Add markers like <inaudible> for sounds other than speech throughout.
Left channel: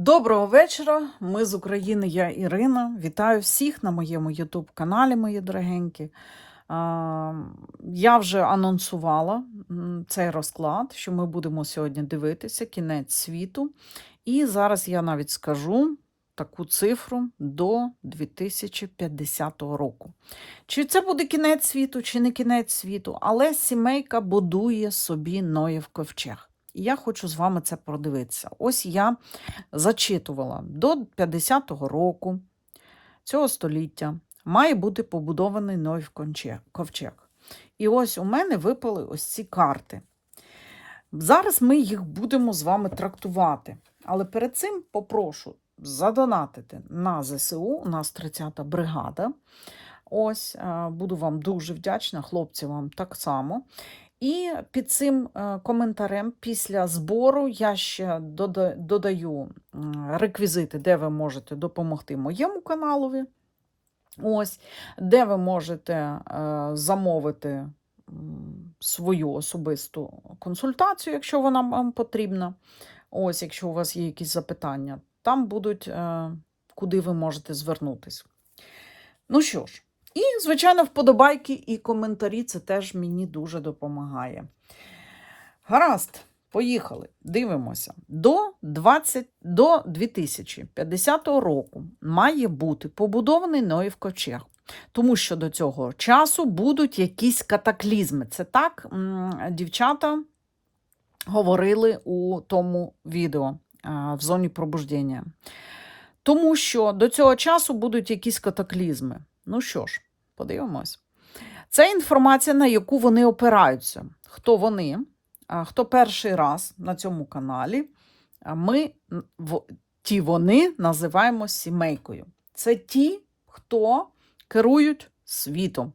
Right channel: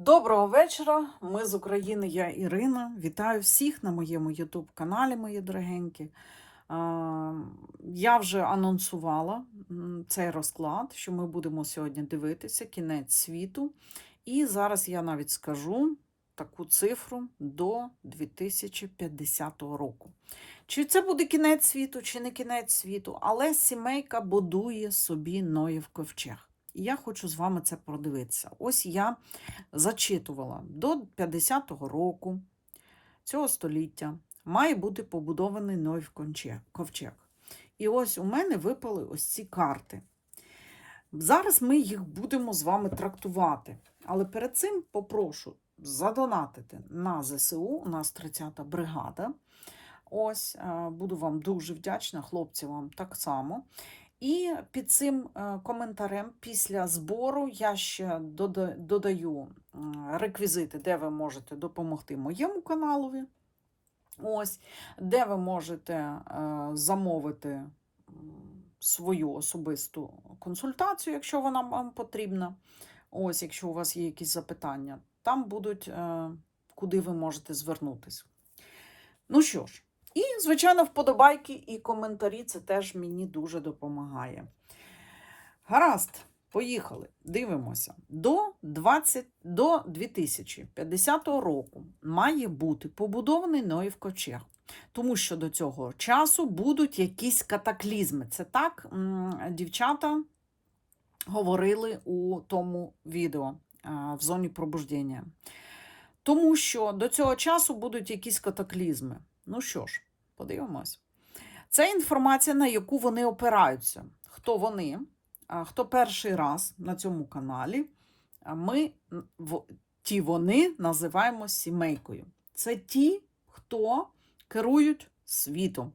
Доброго вечора. Ми з України, я Ірина. Вітаю всіх на моєму YouTube-каналі, мої дорогенькі. Я вже анонсувала цей розклад, що ми будемо сьогодні дивитися кінець світу. І зараз я навіть скажу таку цифру до 2050 року. Чи це буде кінець світу, чи не кінець світу, але сімейка будує собі Ноєв ковчег. І я хочу з вами це продивитися. Ось я зачитувала до 50-го року цього століття має бути побудований конче- ковчег. І ось у мене випали ось ці карти. Зараз ми їх будемо з вами трактувати. Але перед цим попрошу задонатити на ЗСУ. У нас 30-та бригада. Ось, е, буду вам дуже вдячна, хлопці вам так само. І під цим е, коментарем після збору я ще додаю реквізити, де ви можете допомогти моєму каналові. Ось, де ви можете е, замовити свою особисту консультацію, якщо вона вам потрібна. Ось, якщо у вас є якісь запитання, там будуть, е, куди ви можете звернутися. Ну що ж, і, звичайно, вподобайки і коментарі це теж мені дуже допомагає. Гаразд, поїхали. Дивимося. До, 20, до 2050 року має бути побудований Ноїв ковчег. Тому що до цього часу будуть якісь катаклізми. Це так дівчата говорили у тому відео в зоні пробуждення. Тому що до цього часу будуть якісь катаклізми. Ну що ж, подивимось. Це інформація, на яку вони опираються. Хто вони? Хто перший раз на цьому каналі? Ми ті вони називаємо сімейкою. Це ті, хто керують світом.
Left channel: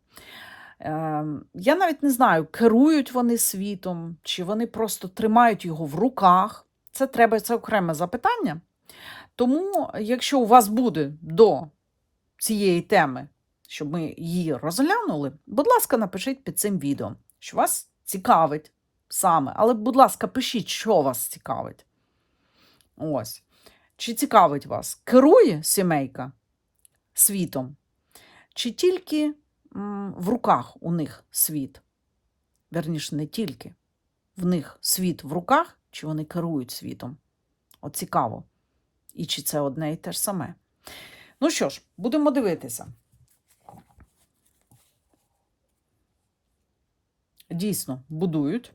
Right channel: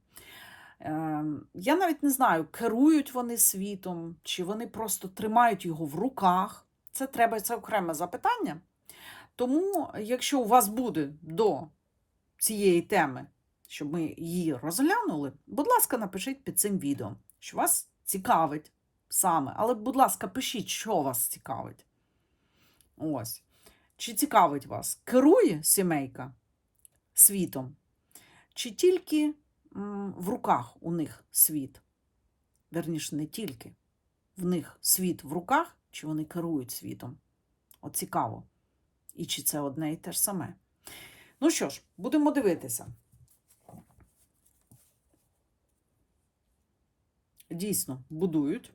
Ем, Я навіть не знаю, керують вони світом, чи вони просто тримають його в руках. Це треба, це окреме запитання. Тому, якщо у вас буде до цієї теми, щоб ми її розглянули, будь ласка, напишіть під цим відео, що вас цікавить саме. Але, будь ласка, пишіть, що вас цікавить. Ось. Чи цікавить вас, керує сімейка світом, чи тільки в руках у них світ? Верніше, не тільки. В них світ в руках, чи вони керують світом? От цікаво. І чи це одне і те ж саме? Ну що ж, будемо дивитися. Дійсно, будують.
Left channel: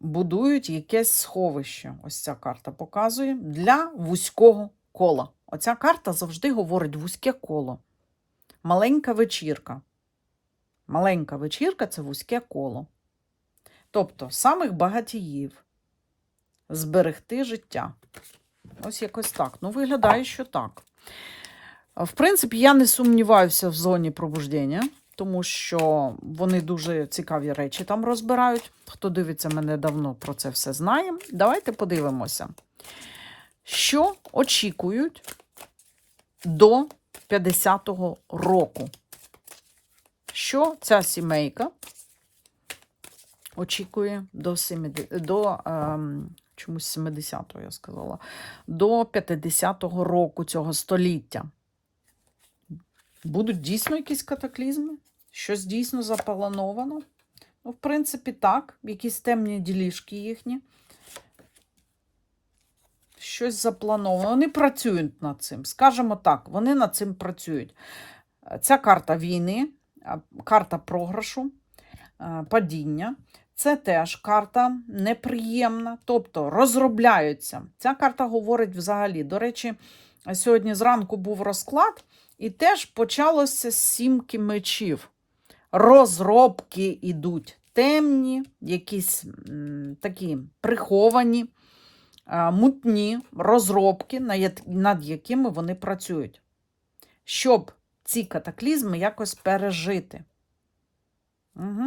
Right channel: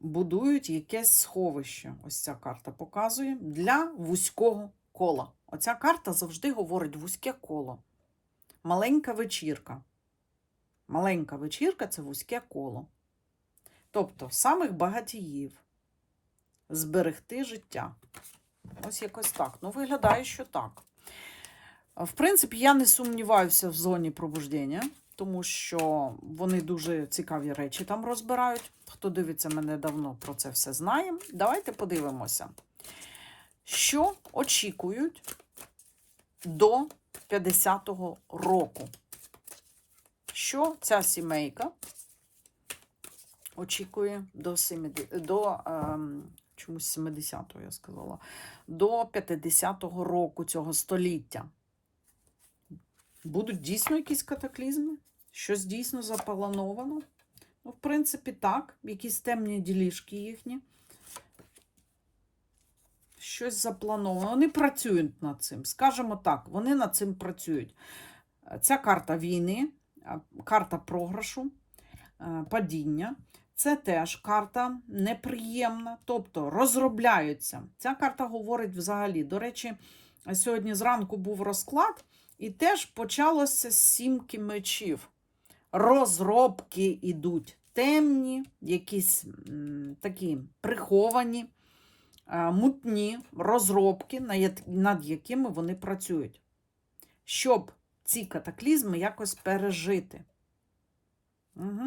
Будують якесь сховище. Ось ця карта показує для вузького кола. Оця карта завжди говорить вузьке коло. Маленька вечірка. Маленька вечірка це вузьке коло. Тобто, самих багатіїв зберегти життя. Ось якось так. Ну, виглядає, що так. В принципі, я не сумніваюся в зоні пробуждення, тому що вони дуже цікаві речі там розбирають. Хто дивиться мене давно про це все знає. Давайте подивимося, що очікують до 50-го року. Що ця сімейка очікує до 70, до ем, чомусь 70-го, я сказала, до 50-го року цього століття. Будуть дійсно якісь катаклізми? Щось дійсно заплановано? Ну, в принципі, так, якісь темні ділішки їхні. Щось заплановано. Вони працюють над цим. Скажімо так, вони над цим працюють. Ця карта війни, карта програшу, падіння. Це теж карта неприємна, тобто розробляються. Ця карта говорить взагалі. До речі, сьогодні зранку був розклад, і теж почалося сімки мечів. Розробки йдуть темні, якісь такі приховані, а, мутні розробки, на над якими вони працюють, щоб ці катаклізми якось пережити. Угу.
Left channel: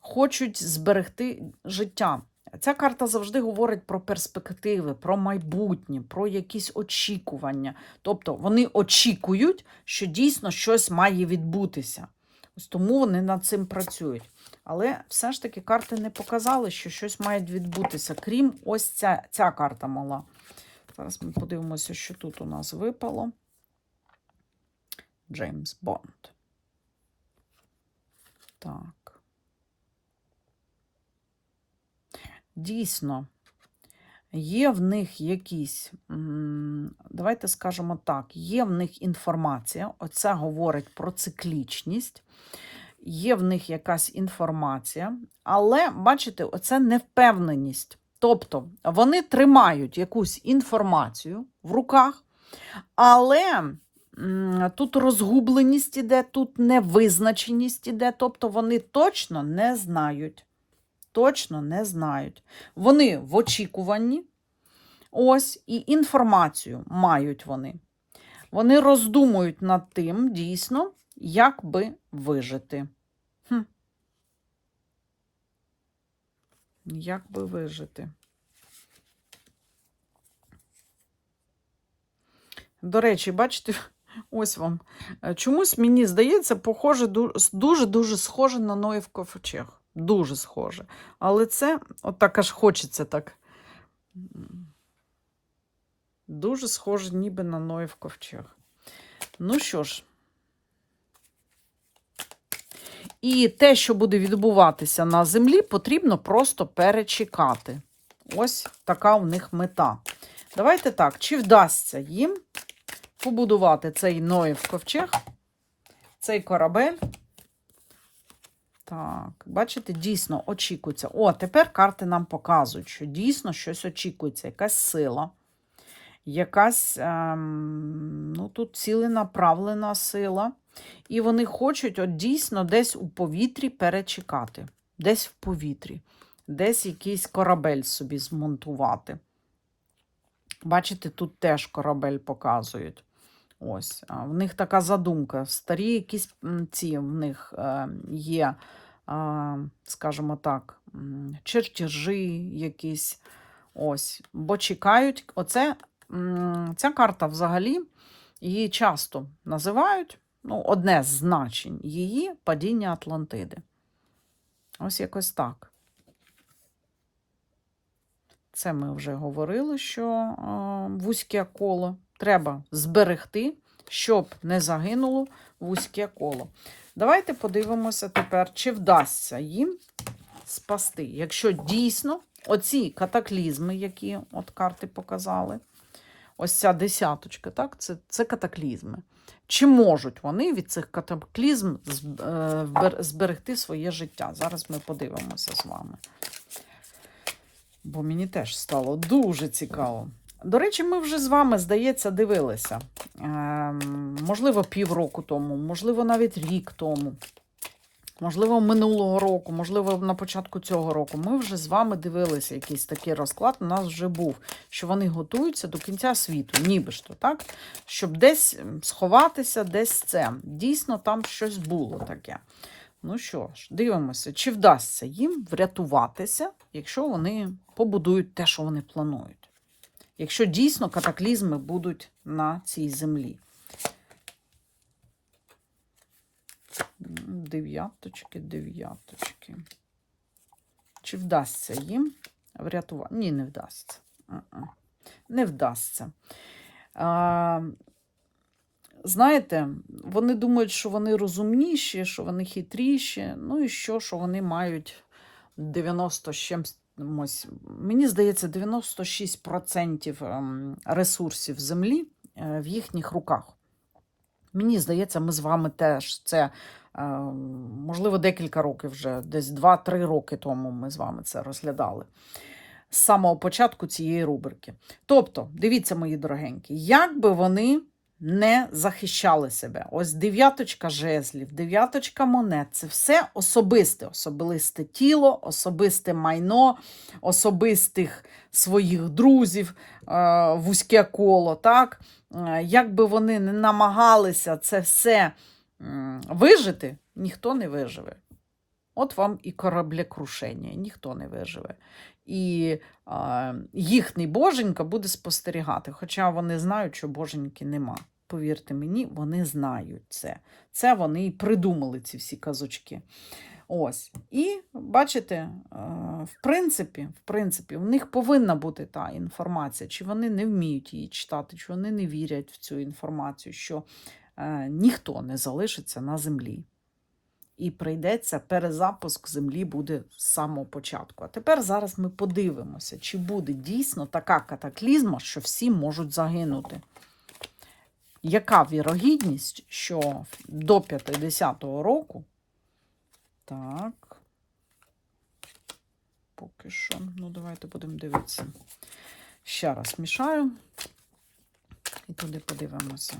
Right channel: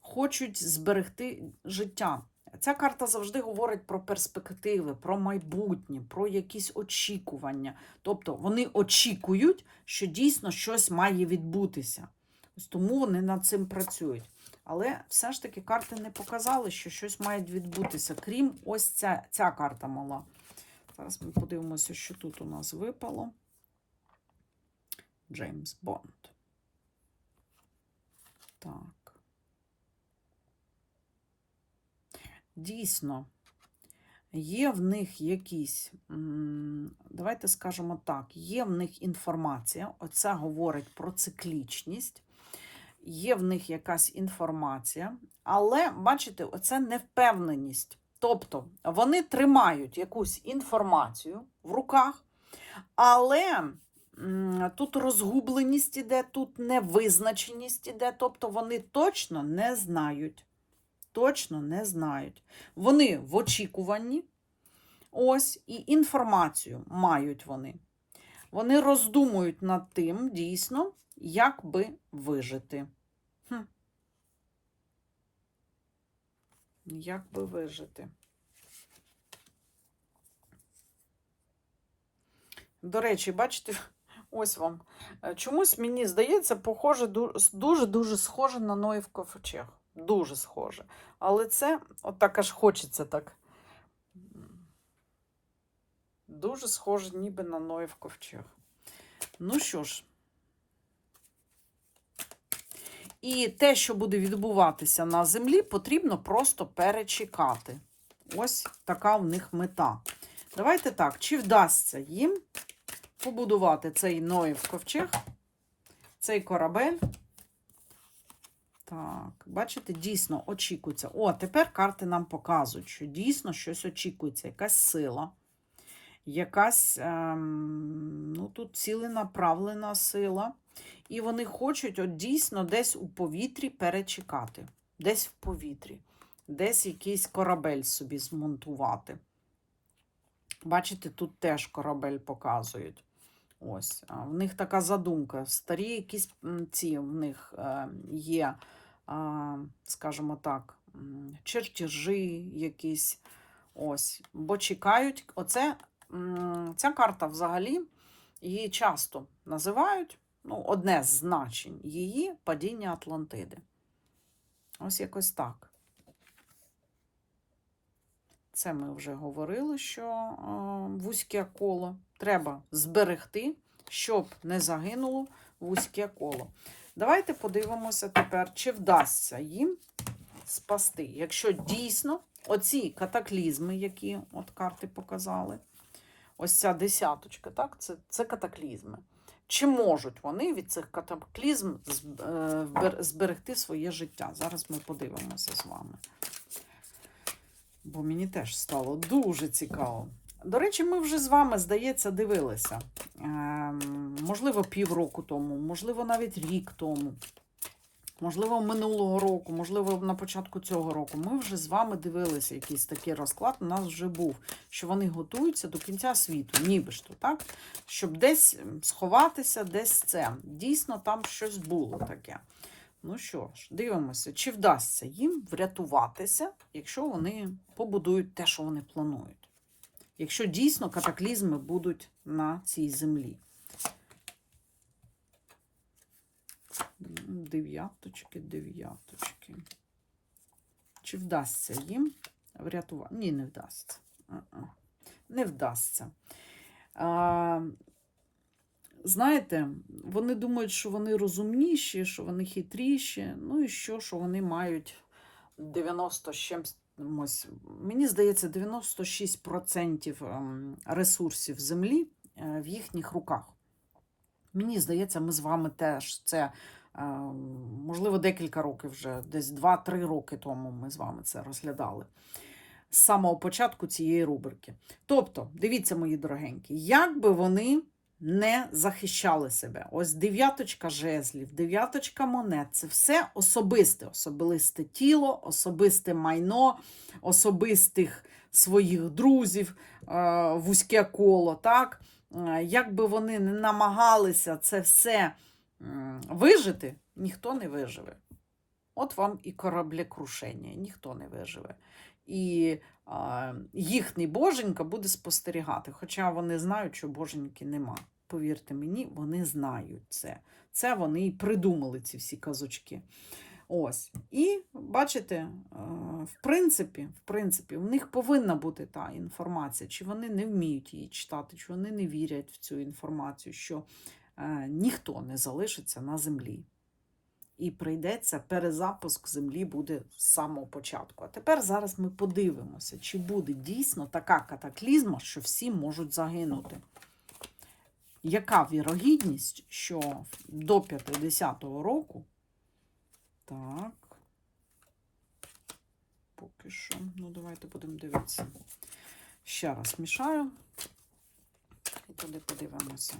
Хочуть зберегти життя. Ця карта завжди говорить про перспективи, про майбутнє, про якісь очікування. Тобто вони очікують, що дійсно щось має відбутися. Ось тому вони над цим працюють. Але все ж таки карти не показали, що щось має відбутися, крім ось ця, ця карта мала. Зараз ми подивимося, що тут у нас випало. Джеймс Бонд. Так. Дійсно, є в них якісь, давайте скажемо так, є в них інформація, оце говорить про циклічність, є в них якась інформація, але, бачите, оце невпевненість. Тобто вони тримають якусь інформацію в руках, але тут розгубленість іде, тут невизначеність іде, тобто вони точно не знають. Точно не знають. Вони в очікуванні, ось, і інформацію мають вони. Вони роздумують над тим, дійсно, як би вижити. Хм. Як би вижити? До речі, бачите, <laughs> ось вам. Чомусь мені здається, похоже, дуже-дуже схоже на Ноїв ковчег. Дуже схоже. Але це, от так аж хочеться так. Дуже схоже ніби на Ноїв ковчег. Ну що ж. І те, що буде відбуватися на землі, потрібно просто перечекати. Ось така в них мета. Давайте так, чи вдасться їм побудувати цей Ноїв ковчег, цей корабель. Так, бачите, дійсно очікується. О, тепер карти нам показують, що дійсно щось очікується, якась сила, якась ем, ну, тут ціленаправлена сила. І вони хочуть от дійсно десь у повітрі перечекати. Десь в повітрі, десь якийсь корабель собі змонтувати. Бачите, тут теж корабель показують. Ось, в них така задумка. Старі якісь ці в них е, є, скажімо так, чертежі якісь. Ось, бо чекають. Оце, ця карта взагалі її часто називають. Ну, одне з значень її падіння Атлантиди. Ось якось так. Це ми вже говорили, що вузьке коло треба зберегти, щоб не загинуло вузьке коло. Давайте подивимося тепер, чи вдасться їм спасти. Якщо дійсно оці катаклізми, які от карти показали, ось ця десяточка, так, це, це катаклізми. Чи можуть вони від цих катаклізм е, зберегти своє життя? Зараз ми подивимося з вами. Бо мені теж стало дуже цікаво. До речі, ми вже з вами, здається, дивилися. Ем, можливо, півроку тому, можливо, навіть рік тому, можливо, минулого року, можливо, на початку цього року. Ми вже з вами дивилися якийсь такий розклад. У нас вже був, що вони готуються до кінця світу, ніби ж то, так? Щоб десь сховатися, десь це. Дійсно, там щось було таке. Ну що ж, дивимося, чи вдасться їм врятуватися, якщо вони побудують те, що вони планують. Якщо дійсно катаклізми будуть на цій землі. Дев'яточки, дев'яточки. Чи вдасться їм врятувати? Ні, не вдасться. Не вдасться. А, знаєте, вони думають, що вони розумніші, що вони хитріші, ну і що, що вони мають 90 з чимсь. Мені здається, 96% ем, ресурсів землі е, в їхніх руках. Мені здається, ми з вами теж це, е, можливо, декілька років вже, десь 2-3 роки тому ми з вами це розглядали. З самого початку цієї рубрики. Тобто, дивіться, мої дорогенькі, як би вони не захищали себе. Ось дев'яточка жезлів, дев'яточка монет це все особисте, особисте тіло, особисте майно, особистих своїх друзів, е, вузьке коло. так? Е, Як би вони не намагалися це все вижити, ніхто не виживе. От вам і кораблекрушення, ніхто не виживе. І е, їхній боженька буде спостерігати, хоча вони знають, що боженьки нема. Повірте мені, вони знають це. Це вони і придумали ці всі казочки. Ось. І бачите, е, в принципі, в принципі, у них повинна бути та інформація, чи вони не вміють її читати, чи вони не вірять в цю інформацію, що е, ніхто не залишиться на землі. І прийдеться перезапуск землі буде з самого початку. А тепер зараз ми подивимося, чи буде дійсно така катаклізма, що всі можуть загинути. Яка вірогідність, що до 50-го року так. Поки що. Ну, давайте будемо дивитися. Ще раз мішаю. І туди подивимося.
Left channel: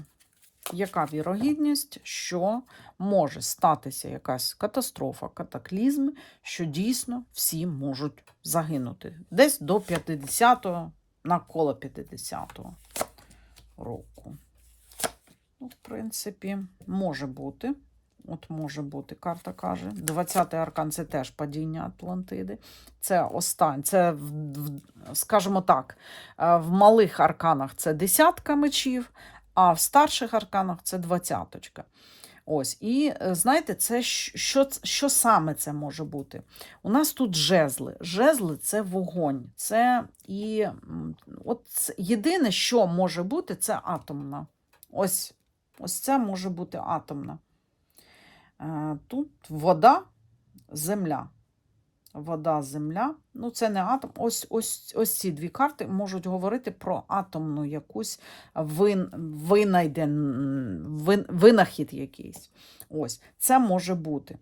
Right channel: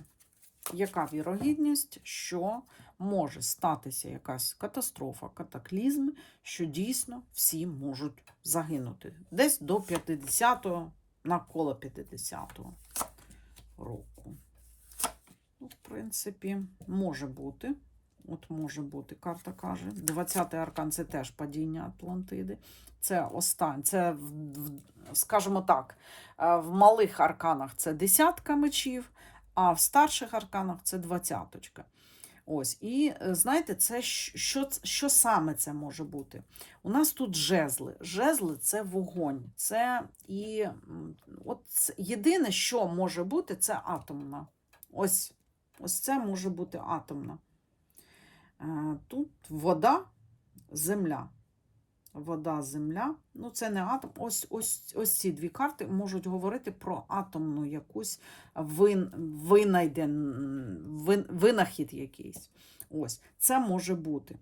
Яка вірогідність, що може статися якась катастрофа, катаклізм, що дійсно всі можуть загинути. Десь до 50-го, навколо 50-го року. Ну, в принципі, може бути. От може бути, карта каже. 20-й аркан це теж падіння Атлантиди. Це останнє, це, скажімо так, е, в малих арканах це десятка мечів, а в старших арканах це двадцяточка. Ось, і е, знаєте, це що, що саме це може бути? У нас тут жезли. Жезли це вогонь. Це і от єдине, що може бути, це атомна. Ось, ось це може бути атомна. Е, Тут вода, земля. Вода, земля. Ну, це не атом. Ось, ось, ось ці дві карти можуть говорити про атомну якусь вин, винайден, вин, винахід якийсь. Ось, це може бути.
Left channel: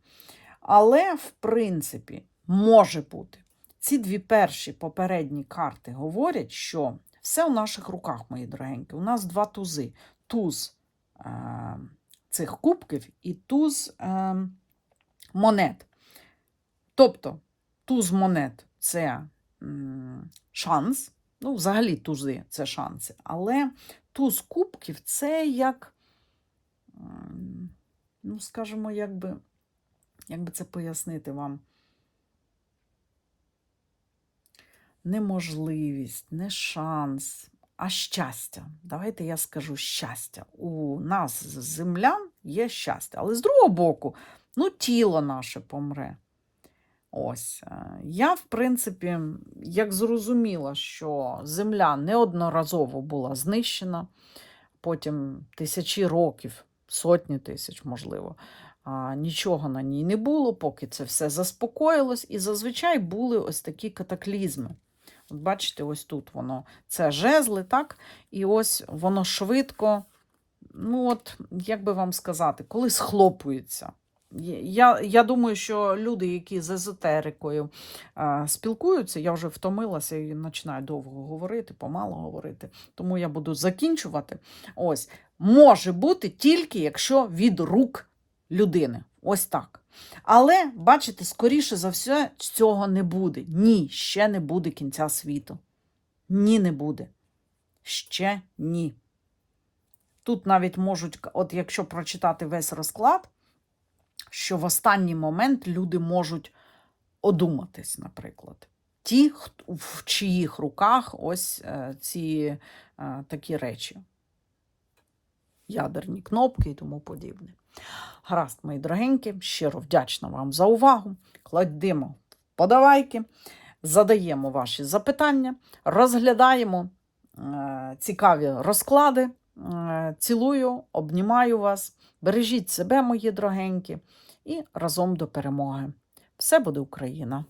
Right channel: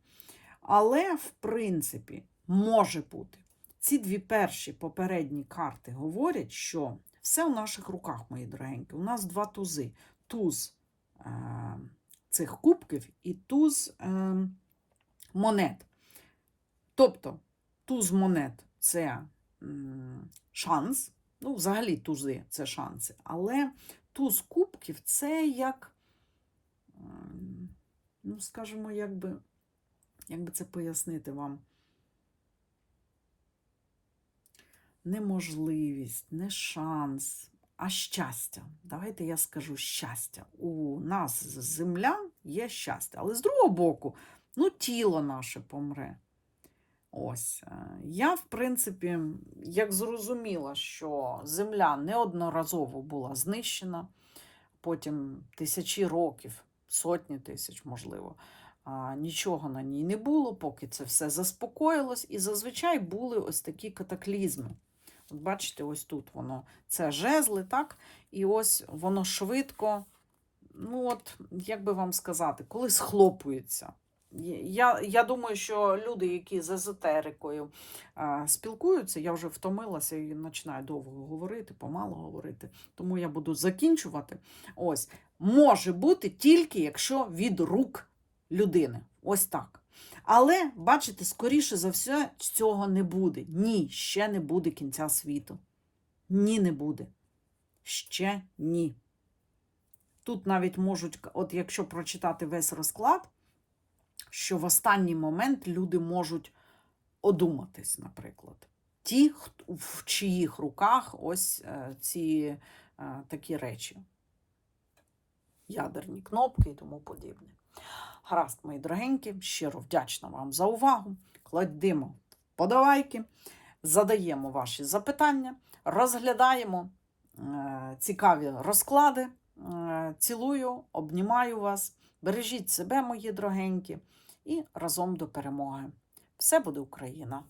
Але, в принципі, може бути. Ці дві перші попередні карти говорять, що все у наших руках, мої дорогенькі. У нас два тузи. Туз е, цих кубків і туз е, монет. Тобто, туз монет це шанс. Ну, взагалі тузи це шанси. Але туз кубків це як, ну, скажімо, як би, як би це пояснити вам. Неможливість, не шанс, а щастя. Давайте я скажу щастя. У нас, землян, є щастя. Але з другого боку, ну, тіло наше помре. Ось. е, Я, в принципі, як зрозуміла, що земля неодноразово була знищена, потім тисячі років, сотні тисяч, можливо, нічого на ній не було, поки це все заспокоїлось, і зазвичай були ось такі катаклізми. От бачите, ось тут воно це жезли, так? І ось воно швидко, ну от, як би вам сказати, коли схлопується. Я, я думаю, що люди, які з езотерикою а, спілкуються, я вже втомилася і починаю довго говорити, помало говорити, тому я буду закінчувати. Ось, може бути тільки якщо від рук людини. Ось так. Але, бачите, скоріше за все, цього не буде. Ні, ще не буде кінця світу. Ні, не буде. Ще ні. Тут навіть можуть, от якщо прочитати весь розклад, що в останній момент люди можуть одуматись, наприклад. Ті, в чиїх руках ось е, ці е, такі речі. Ядерні кнопки і тому подібне. Гаразд, мої дорогенькі, щиро вдячна вам за увагу. Кладемо подавайки, задаємо ваші запитання, розглядаємо е, цікаві розклади. Цілую, обнімаю вас. Бережіть себе, мої дорогенькі, і разом до перемоги. Все буде Україна!